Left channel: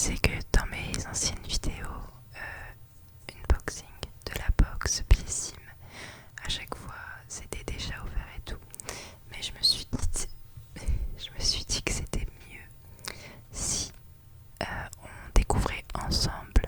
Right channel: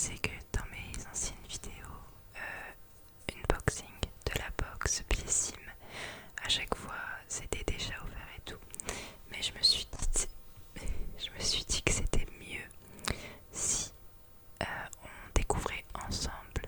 sais que dans mes anciennes vidéos, unboxing de la box Blissim, à chaque fois c'était déjà ouvert et tout, mais je me suis dit que c'était mieux si on découvrait ensemble.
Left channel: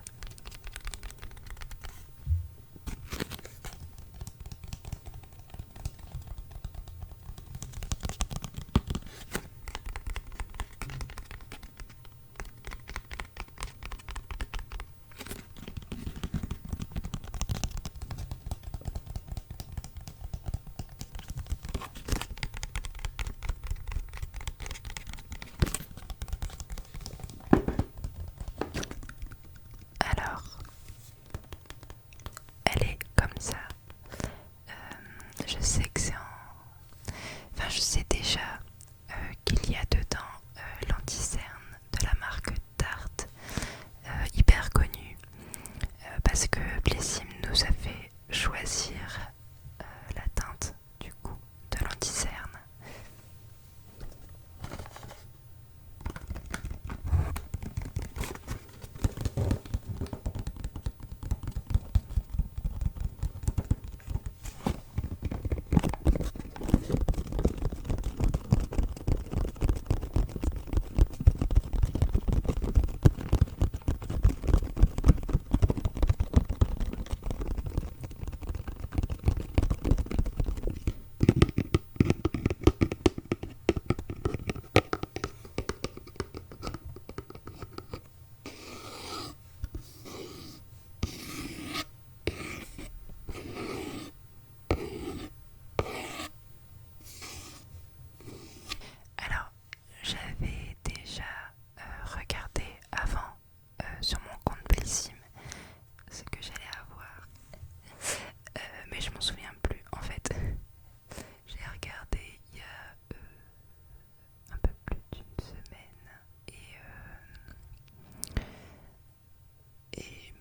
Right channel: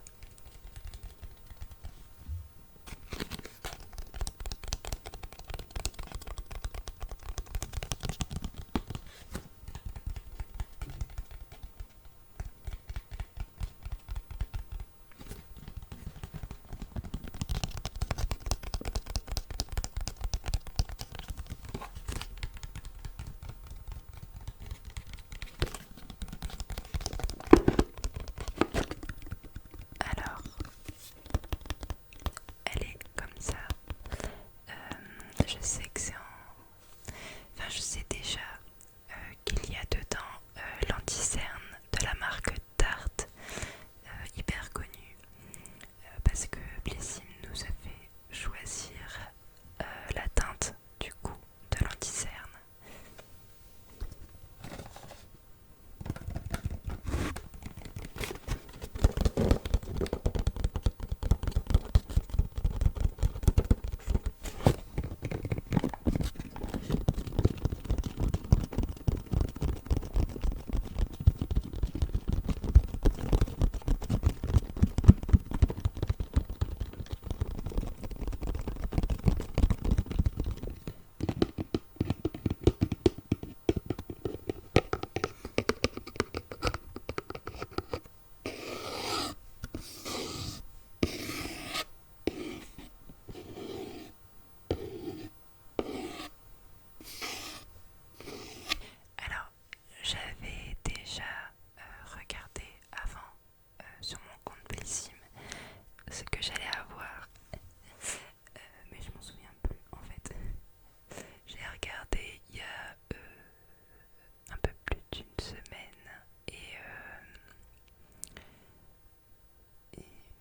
Alors, elle est comme ça. Je sais que c'est en... Enfin, je sais déjà qu'il y a dedans l'anti-cerne de la marque Tarte, hyper connue, parce que Blissim nous a fait choisir la teinte du coup de l'anti-cerne. Alors, j'avais déjà regardé avant sur mon compte Blissim ce que j'allais avoir, mais je m'en souviens plus en fait. J'ai regardé il y a un peu plus d'une semaine et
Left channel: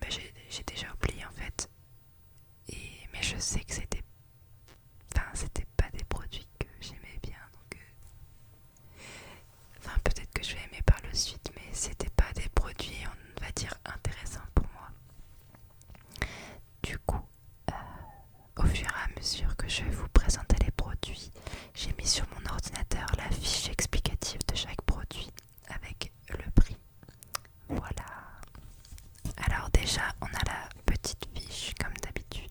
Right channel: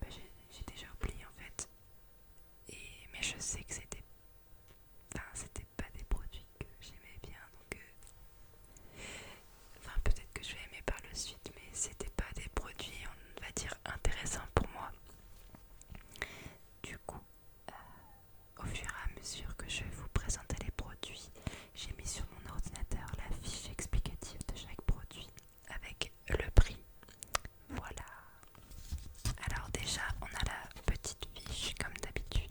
bah, j'ai déjà oublié en fait. Mais je sais que c'était pas des produits que j'aimais bien, donc enfin peut-être que je vais aimer par la suite, mais c'était pas des produits, on va dire, intéressants pour moi. Du coup, au fur et à mesure que je vais vous présenter les produits, j'ai mis sur mon ordinateur la fiche explicative de chaque produit avec le prix. Voilà. Alors déjà, on a la petite fiche comme d'habitude.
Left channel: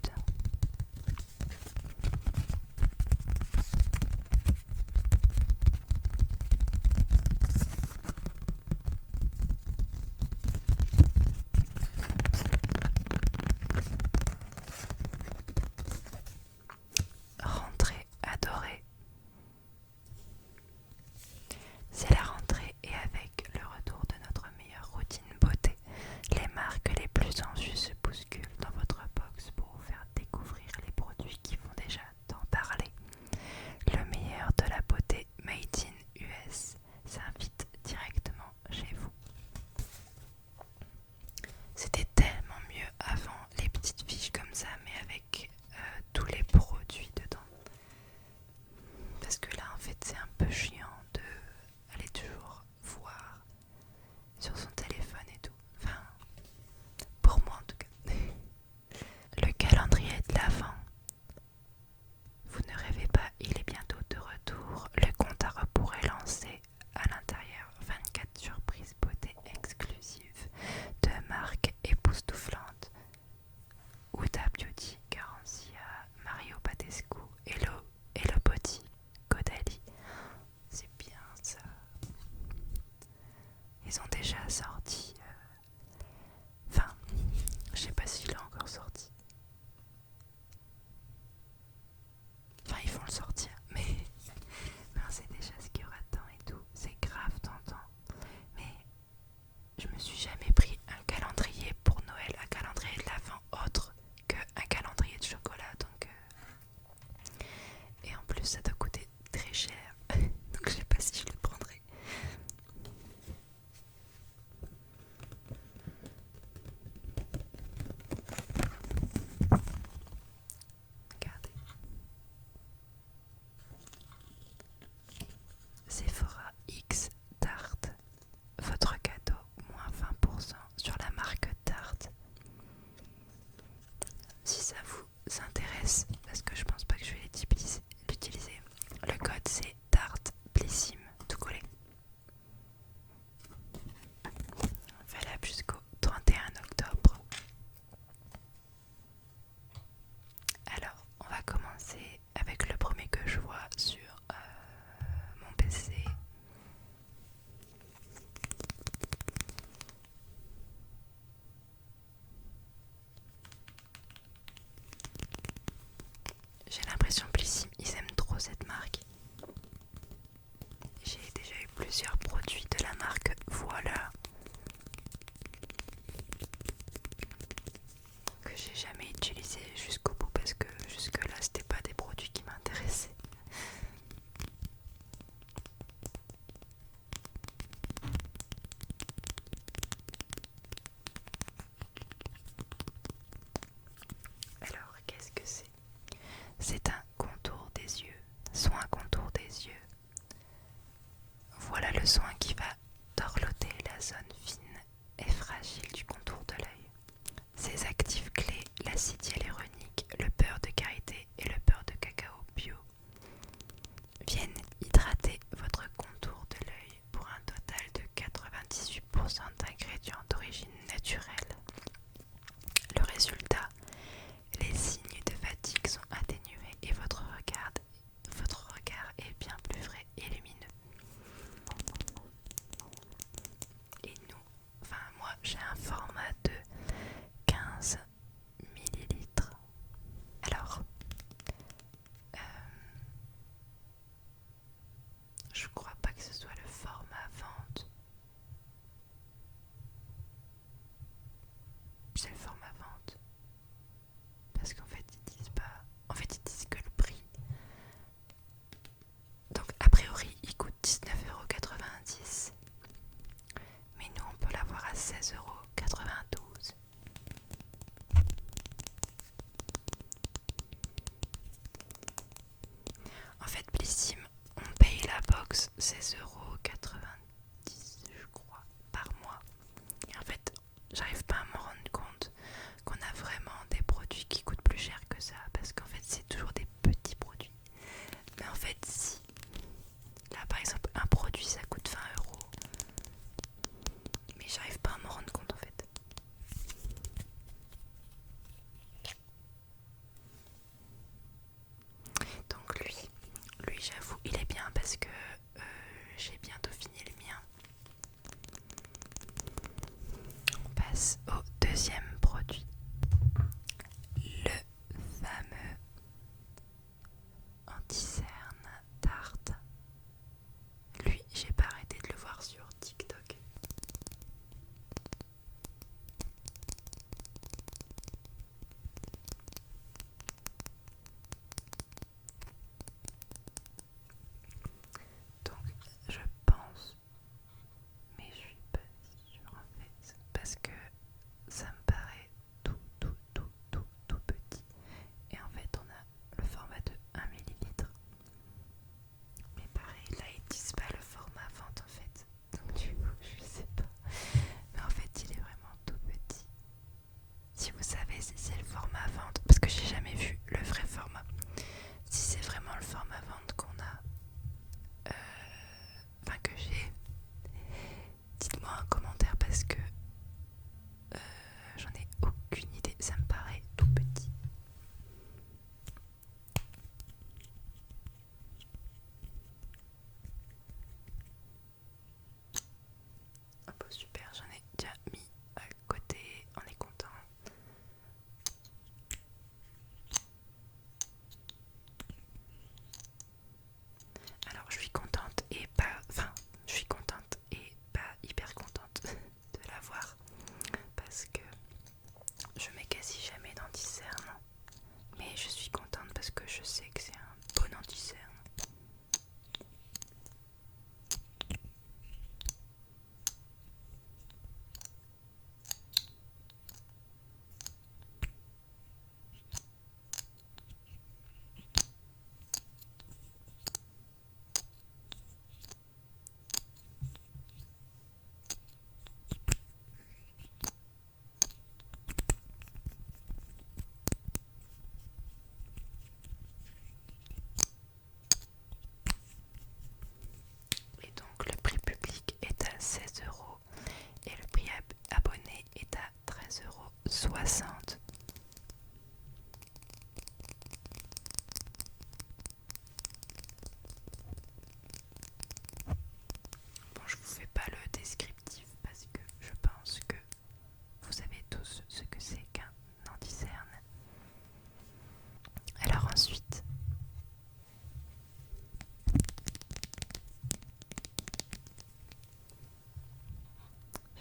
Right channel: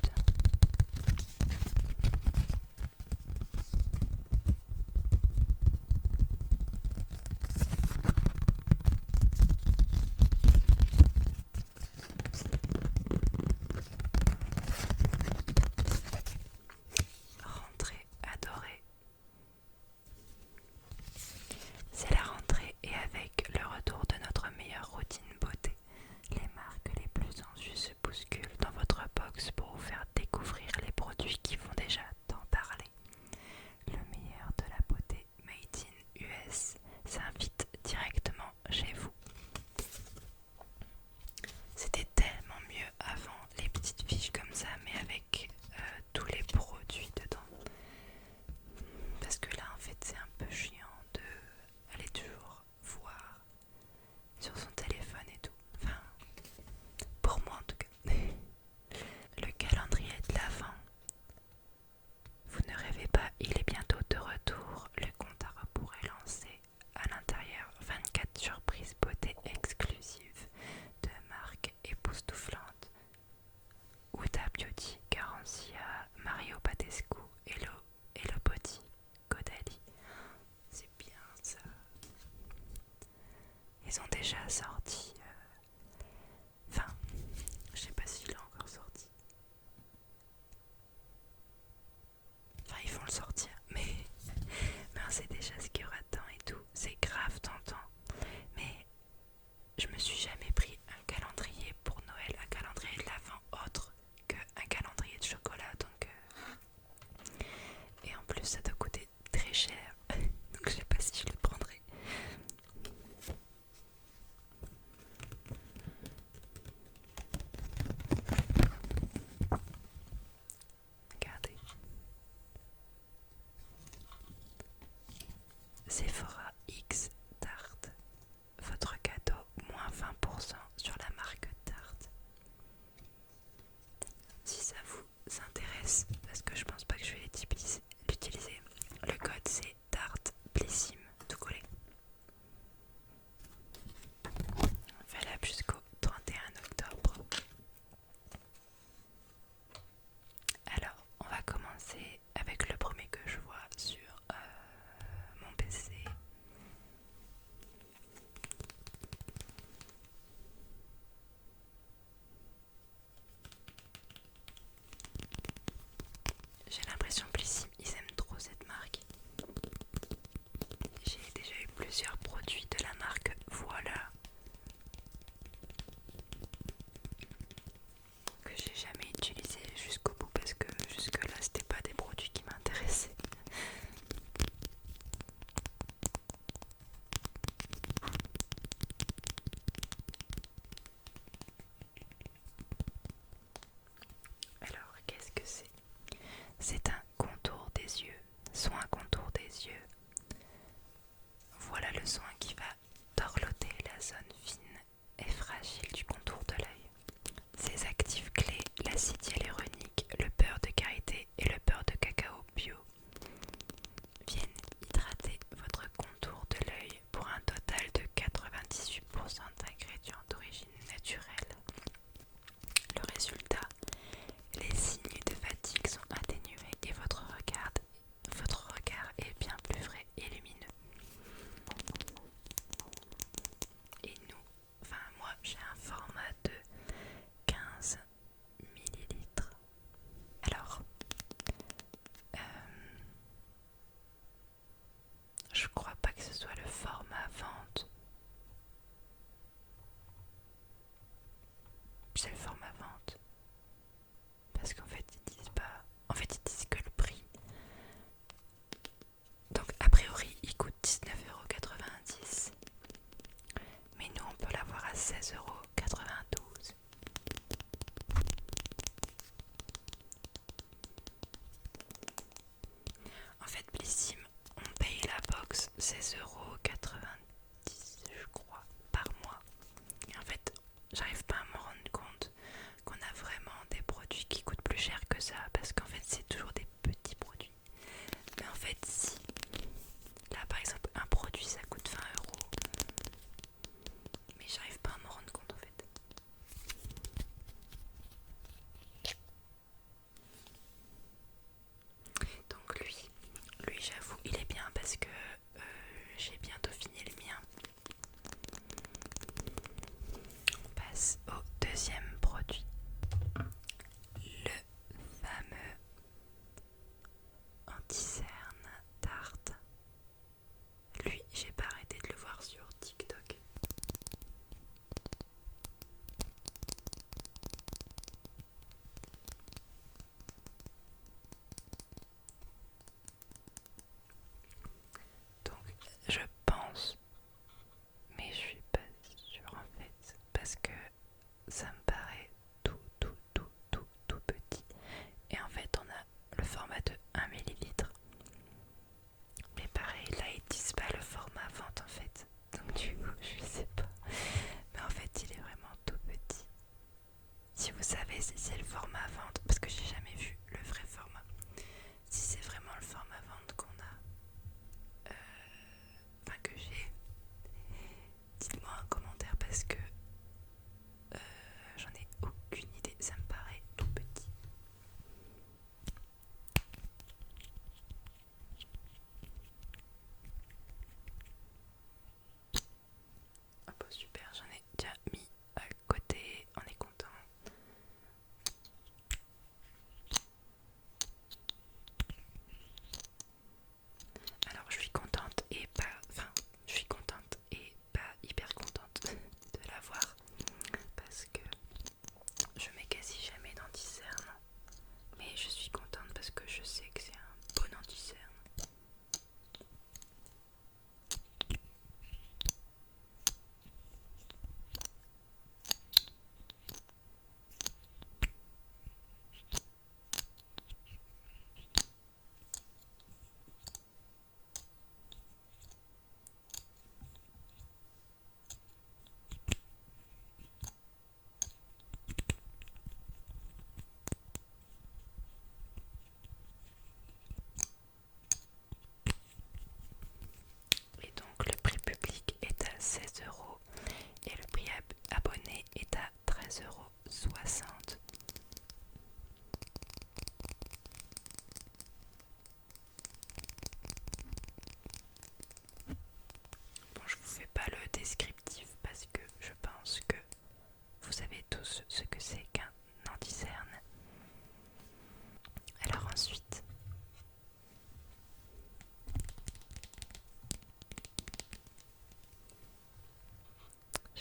Rentrée adorée. C'est la rentrée et avec le retour de notre meilleure routine beauté, les marques les plus en vue se bousculent dans votre box pour vous faire découvrir les produits qui font déjà tant parler. Le meilleur de la beauté made in US s'invite directement chez vous. C'était tellement mieux avant, les petites fiches comme ça, mais avec tous les produits dedans. Parce que là, en fait, c'est un peu chiant de aller toujours voir sur son téléphone et tout. Enfin, pour moi en tout cas. Le calendrier de l'Avent. Vous ne rêvez pas, il est bientôt de retour. Le compte à rebours est lancé. À l'intérieur, 24 surprises beauté exclusives de marques époustouflantes. Huda Beauty, Garancia, Mario Badescu, Hello Body, Caudalie. C'est bien ça. Ils ont déjà sorti. Enfin, je sais pas s'il est encore sorti. Enfin, ils vont le sortir, mais on sait déjà ce qu'il y aura dedans et tout. C'est grave tentant. Mais je me suis jamais pris un calendrier pour Noël, un calendrier de l'Avent autre qu'un calendrier de chocolat. Donc, et en plus, ça doit coûter très cher. Donc, je sais pas si je le prendrai. J'ai l'impression Blissim, ils aiment trop cette marque. J'ai déjà eu plusieurs produits de la marque Voilà que j'ai jamais utilisé jusqu'au bout parce que jusque là c'était pas des produits qui m'intéressaient. Alors qu'est-ce que c'est? C'est un contour des yeux, soin contour des yeux. Voilà le soin qui va dorloter la zone fine et fragile du contour de l'œil. Ses actifs clés, l'acide hyaluronique, le beurre de karité et le beurre de cacao bio, viennent hydrater votre contour de l'œil pour un total de 98% d'ingrédients d'origine naturelle. Le résultat, les signes de fatigue sont atténués et votre regard est bien plus frais et lumineux. Et moi j'ai un format de 15 millilitres. Alors, je crois pas que ce soit le format vente. C'est le format vente. Parce qu'en fait, ils disent pas. En fait, ils disent que le prix. Donc, a priori, il coûte 19,90 €. Mais nous, on peut l'avoir à 16,92 €. En fait, Blissim, on paye la box 16,90 €, je crois, par mois. Et en fait, j'arrive pas à me rendre compte qu'on a vraiment des produits qui coûtent plus cher que ça, parce qu'en fait, c'est toujours des petits produits. Mais en fait, si là par exemple, un produit ça coûte 20 €, mais j'arrive pas à me rendre compte en fait. Donc lui j'avoue, il est bien parce que j'ai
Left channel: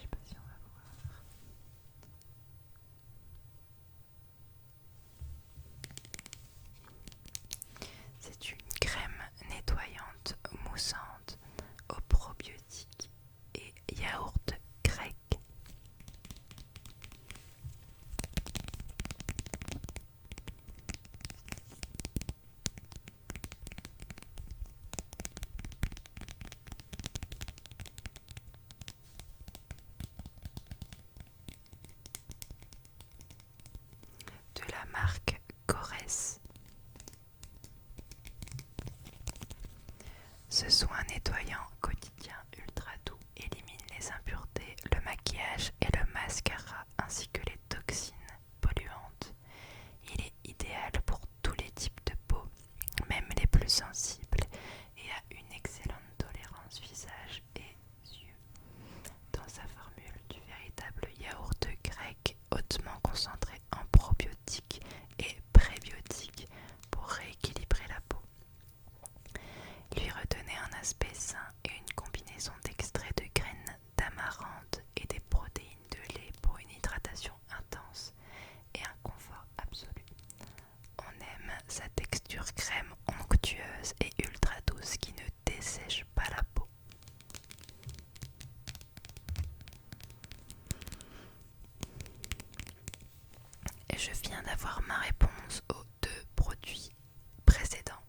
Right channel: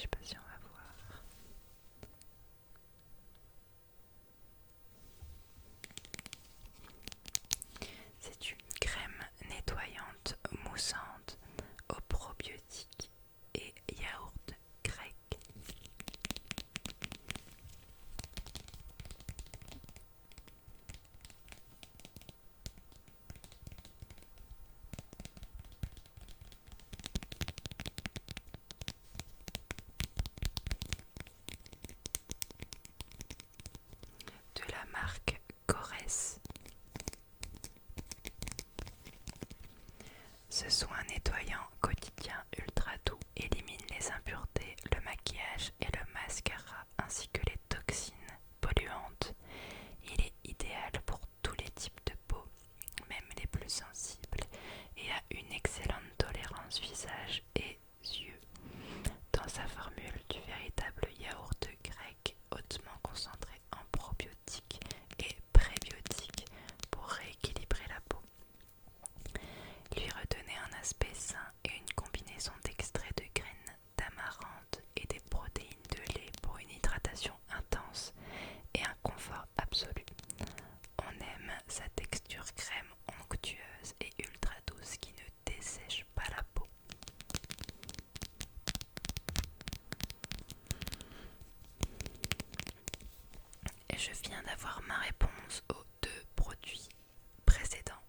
Je sais pas si on va voir. C'est une crème nettoyante moussante aux probiotiques et yaourt grec. De la marque Corès. Ce soin nettoyant quotidien ultra doux élimine les impuretés, le maquillage et le mascara ainsi que les toxines polluantes. Il est idéal pour tous les types de peau, même les plus sensibles, et a une excellente tolérance visage et yeux. Dans sa formule du véritable yaourt grec hautement concentré en probiotiques et prébiotiques pour rééquilibrer la peau, lui redonner un aspect sain et une combinaison d'extraits de graines d'amarante et des protéines de lait pour une hydratation intense et un confort absolu. On aime sa texture crème onctueuse et ultra douce qui ne dessèche pas la peau. Et je viens d'avoir ma réponse aux 2 produits précédents.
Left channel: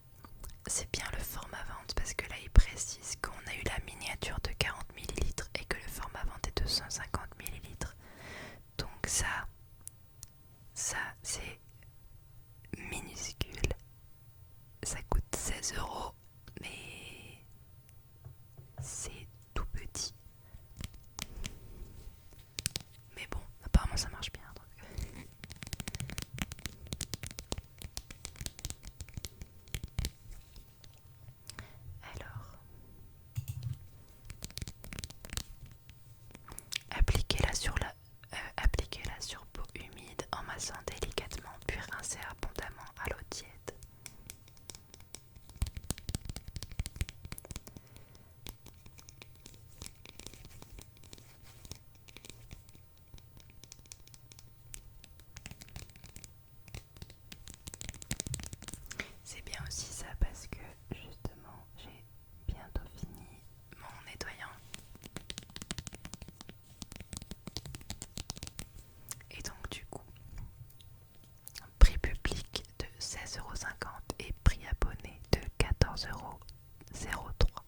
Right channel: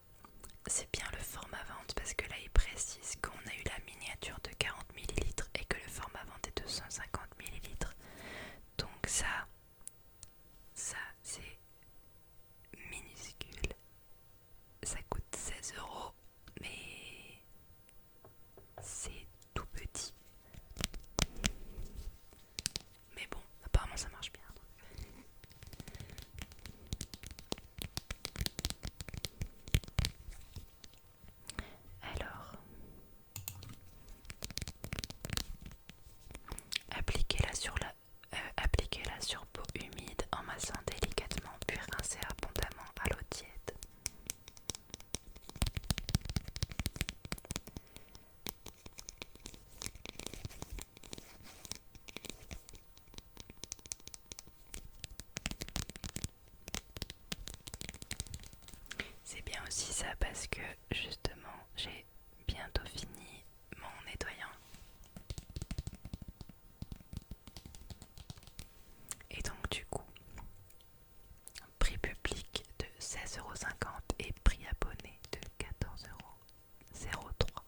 C'est bien le format vente parce que là il précise qu'on a eu la miniature de 40 ml et que le format vente est de 150 ml. Donc ça c'est minuscule. Ça coûte 16 €, mais c'est tout petit. Mais bon, apparemment ça marche bien. Alors, appliquez-la sur peau humide en massant délicatement puis rincez abondamment à l'eau tiède. C'est bien aussi ça parce que justement j'ai bientôt fini mon nettoyant. Et donc du coup, prix public de 16,50 € et prix abonné de 14,03 €.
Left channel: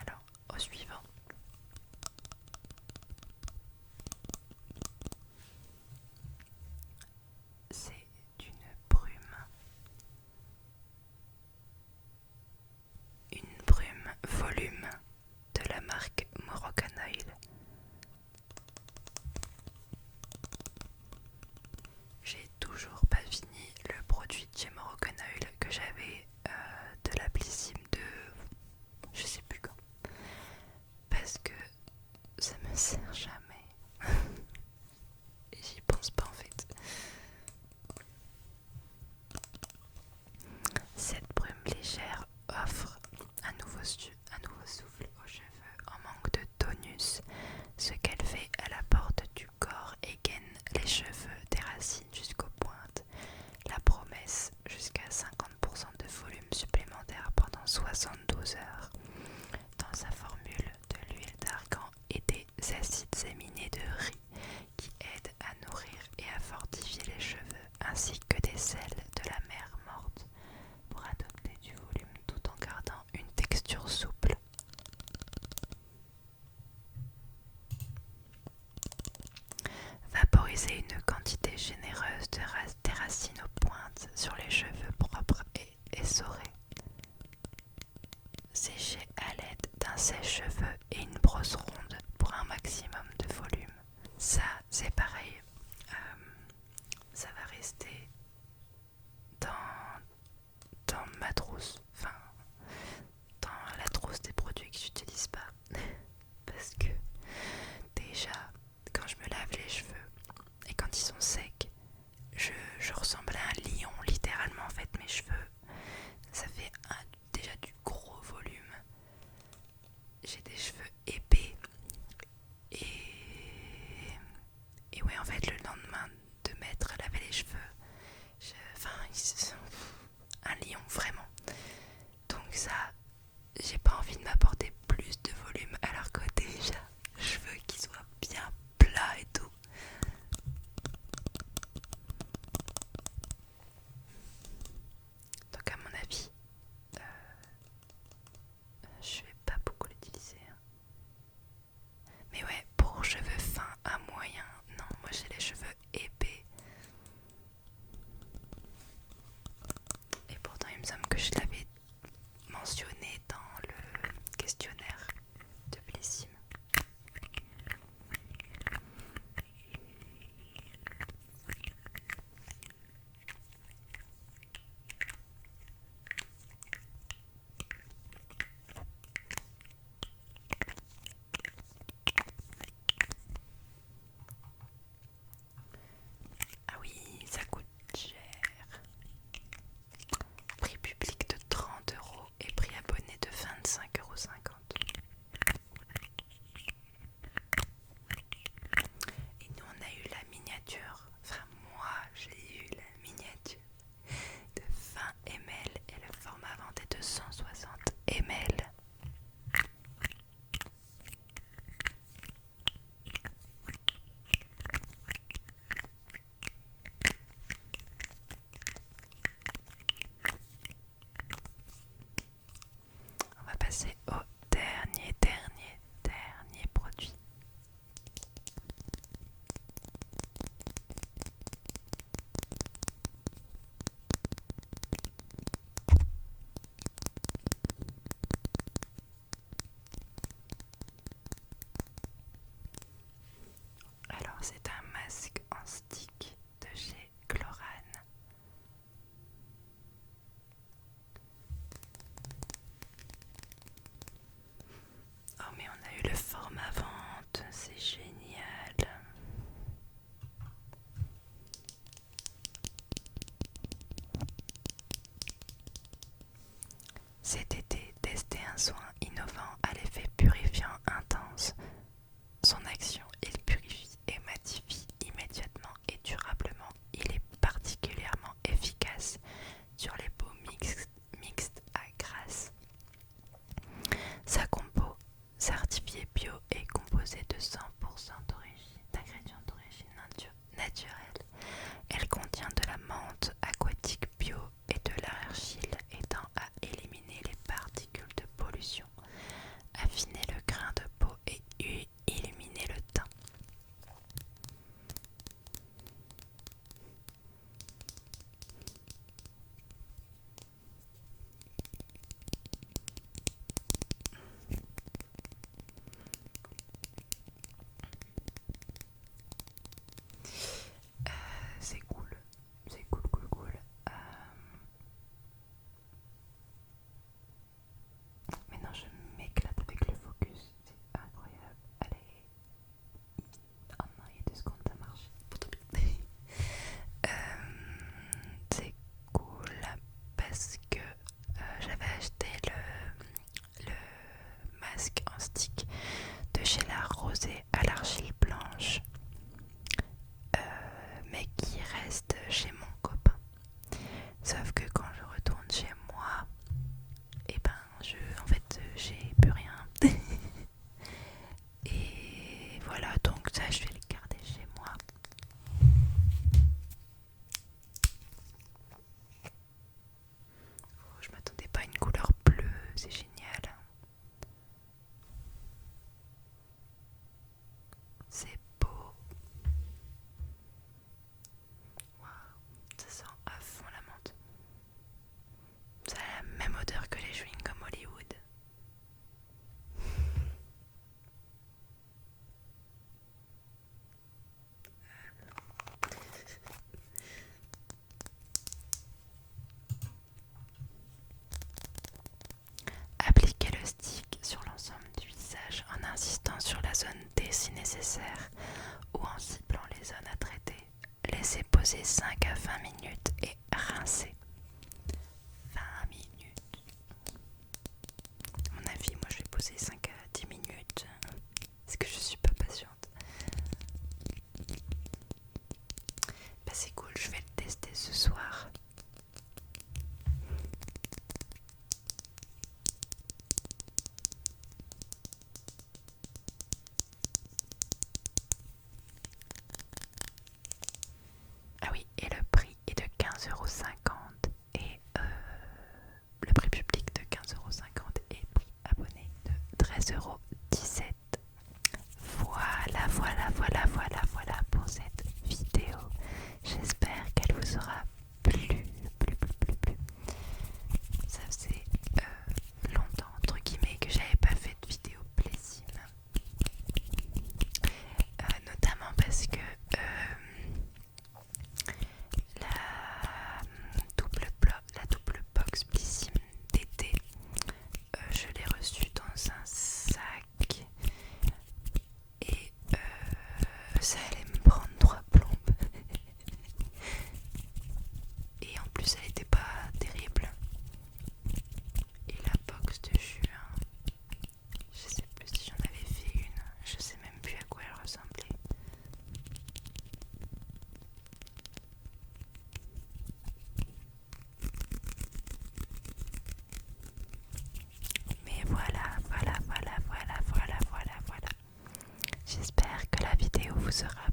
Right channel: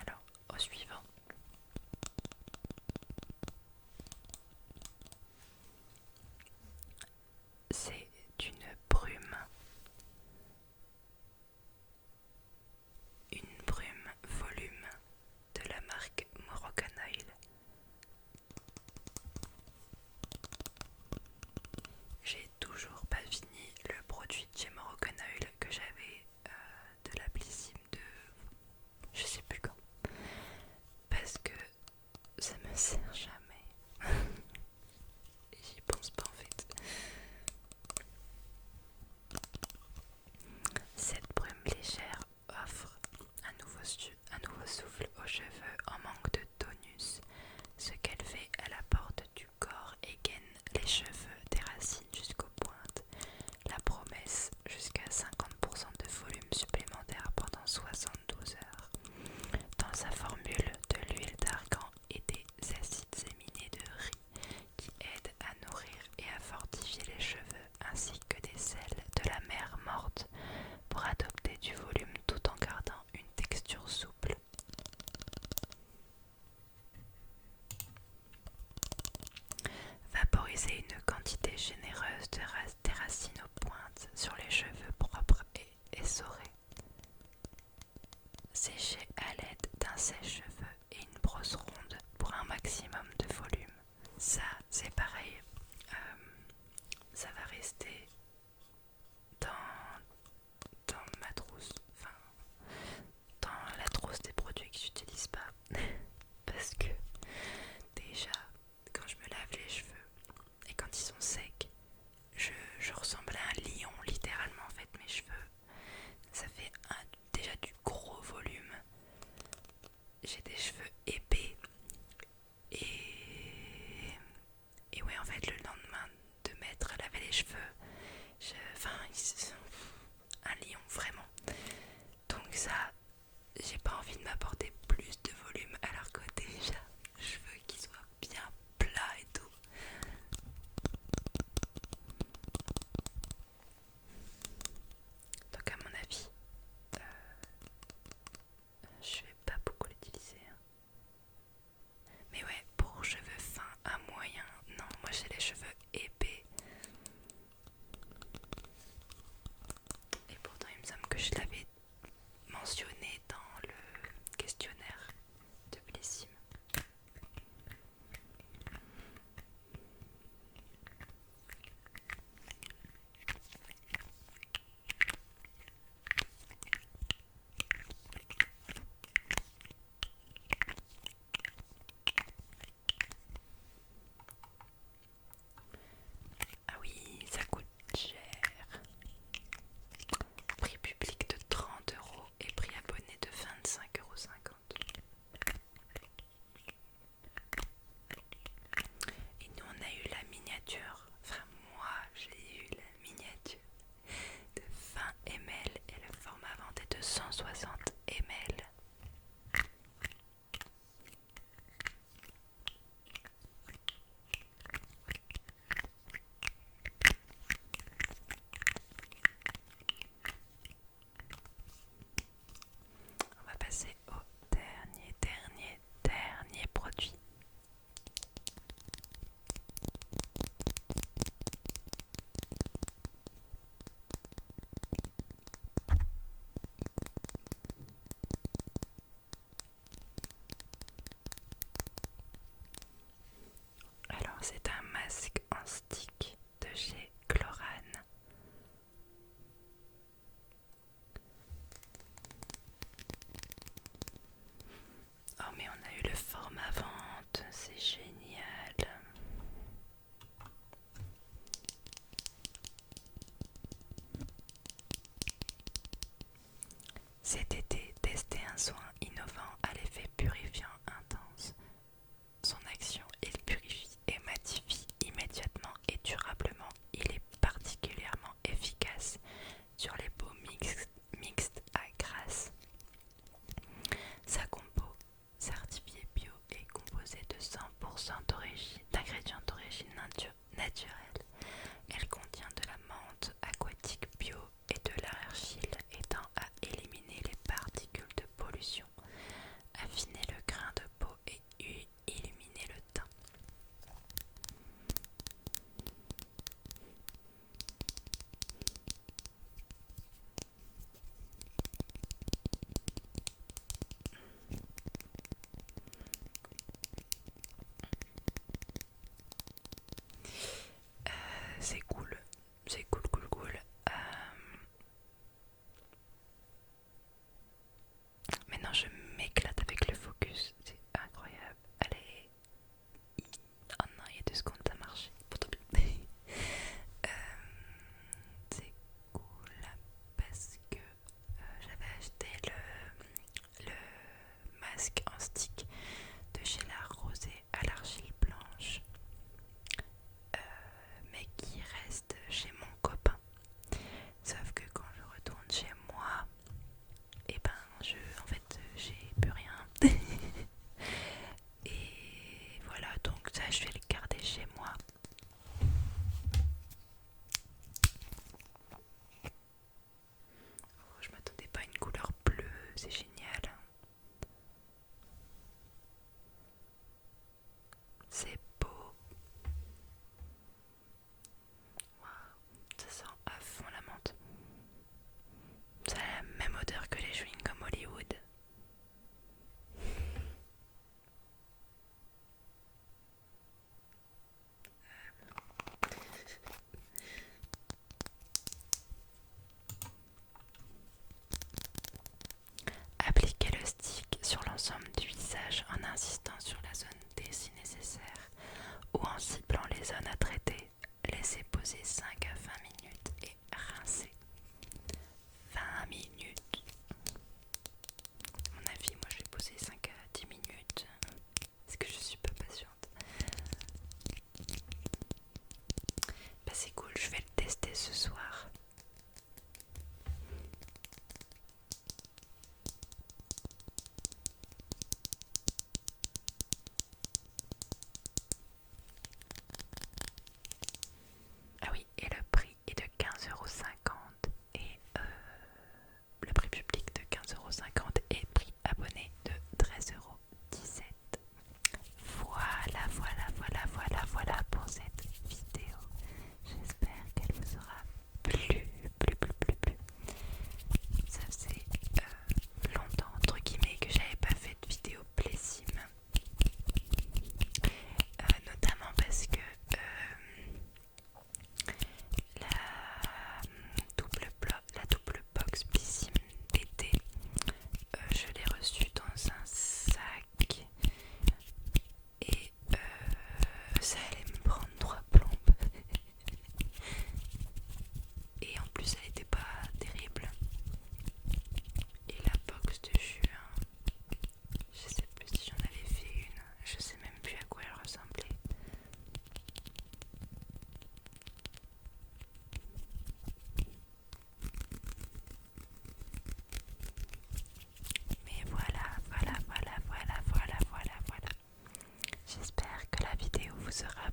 Alors, au suivant. C'est une brume volume de la marque Moroccan Oil. J'ai toujours pas fini le produit de chez Moroccan Oil que j'avais de la Blissim de je sais plus quand. Parce que ça me sert jamais. Et j'y pense pas en fait. Cette brume légère offre un nouveau souffle aux cheveux en manque de tonus. Ce qu'elle fait, elle apporte du corps et gaine les cheveux des racines jusqu'aux pointes. La promesse, jusqu'à 50% de volume supplémentaire pendant 72 heures. Dans sa formule, de l'huile d'argan et des acides aminés de riz qui aident à nourrir et à fortifier les cheveux, ainsi que des sels de la mer morte pour adopter du volume tout en gardant une texture souple. Vaporiser une quantité généreuse des racines aux pointes sur les cheveux propres et essorés. Sécher à l'aide d'un sèche-cheveux et une brosse ronde pour un maximum de volume. Ça, c'est pareil. Ça va rester dans ma trousse. Enfin, dans la trousse des produits que j'utilise pas. Parce que déjà, quand je me lave les cheveux et quand ils sont secs, je ressemble à un lion littéralement. En fait, mes cheveux, ça fait déjà un soin innovant à l'effet purifiant intense. Son action, il purifie et matifie immédiatement et durablement. Il est particulièrement efficace sur les peaux mixtes à grasse. Sa compo certifiée bio est composée de 100% d'ingrédients d'origine naturelle. Elle contient de la menthe aquatique bio et de l'argile aidant à éliminer les particules de pollution, affiner le grain de peau et illuminer le teint. C'est cool, c'est cool. Maintenant je m'éclate avec le focus, c'est incroyable. Allez, oh non, il y a 2 secondes ça marche, pourtant bien. C'est cool parce que j'avais acheté le masque en stick de chez La Rosée à l'argile blanche, mais qui reste chez mon copain. Sauf que quand je retourne chez moi, et ben en fait j'ai plus rien. Et voilà, donc ça je vais le garder chez moi. Oh, je m'attendais pas à une couleur bleue, c'est génial. C'est beau. Waouh, ça sent à fond la menthe. Ça a la même odeur que les chewing-gums Hollywood. Appliquez le stick sur l'ensemble du visage en insistant sur la zone T si nécessaire ou en ciblant les zones à traiter. Laissez poser 5 à 20 minutes et rincez. 20 minutes. À mon avis, moi je vais poser 5 à 10 minutes parce que je suis pas patiente. Bah c'est cool, je vais le tester ce soir. Ah oui, et le prix est de 15,50 € et le prix public de 15,50 € et prix abonné de 13,17 €. Voilà pour cette vidéo. J'espère qu'elle vous aura plu. Ça faisait longtemps, entre guillemets, que j'avais pas fait de vidéo plaisir. Notamment parce que la double box Blissim d'été, je l'ai reçue dans un sac et ça allait me prendre 3 plombes. Et en plus elle était pas terrible. Et la box de juin, je sais plus si j'en avais fait une, je sais même plus à quoi elle ressemblait. Mais voilà. J'espère que la vidéo vous aura